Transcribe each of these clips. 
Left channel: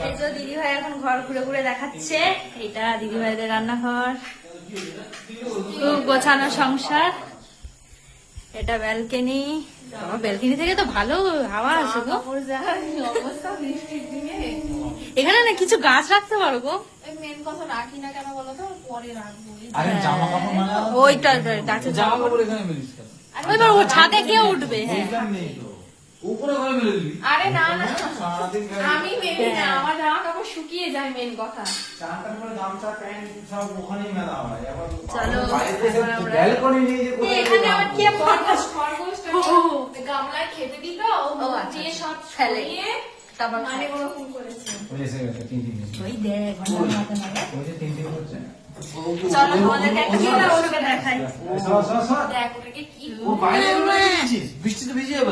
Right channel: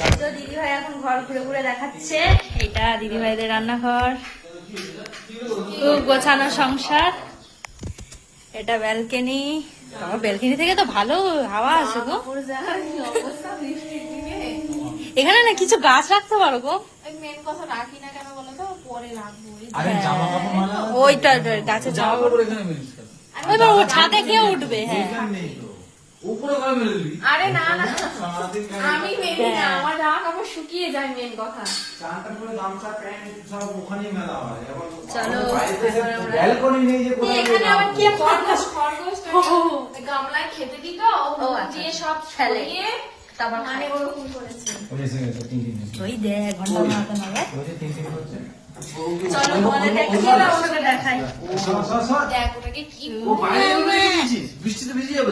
দিদিভাই এখন ঘর ঘুরে ঘুরে দেখাচ্ছে। এটা দিদিভাইদের রান্নাঘর, খুব গোছানো সংসার। এটা ব্যালকনি। বাবা, ব্যালকনি থেকে তো ভালো হাওয়া আসে গো। এখানে না কিছু গাছ রাখতে পারো গো। মেন কথা রাখি না কেন বলো তো, পরে রাখবো। ওইটা গাছের ছাদে কে উঠবে? হ্যাঁ, আরে না না, আমি মেনে না, আমার জামা কাপড় শুকিয়ে যায়, মেন কথা। চলো এখানে আবার কে গামলায় খেতে দিত, দিয়ে সব ফেলিয়ে তারপর মানে ওরকম করেছে। ওই দেখ চলো তোমাদের দেখিয়ে না, ওটা দেখাই। দেখ ওটাকে কি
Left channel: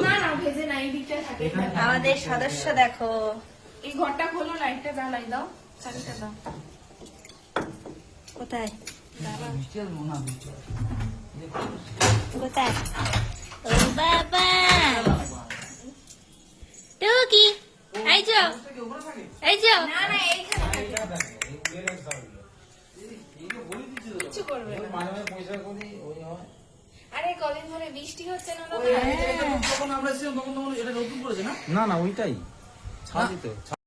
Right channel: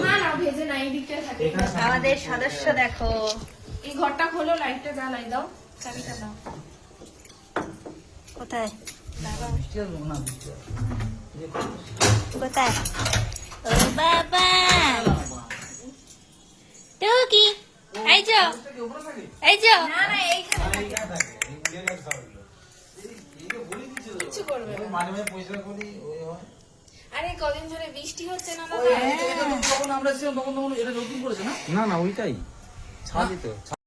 না না ভেজে না, এই দিকটা থাকে। আমাদের সদস্য দেখো। এই ঘরটা খোলো, লাইটটা জ্বালাই দাও, চাবিটা দাও। কোথায় কোথায়? ও বাবা, টুকি এই যো, এই যো। না না, কিছু করবে না। আরে কদিন ধরে বৃষ্টি হচ্ছে না দাদা। না না, ওইটাই ছাদই তো।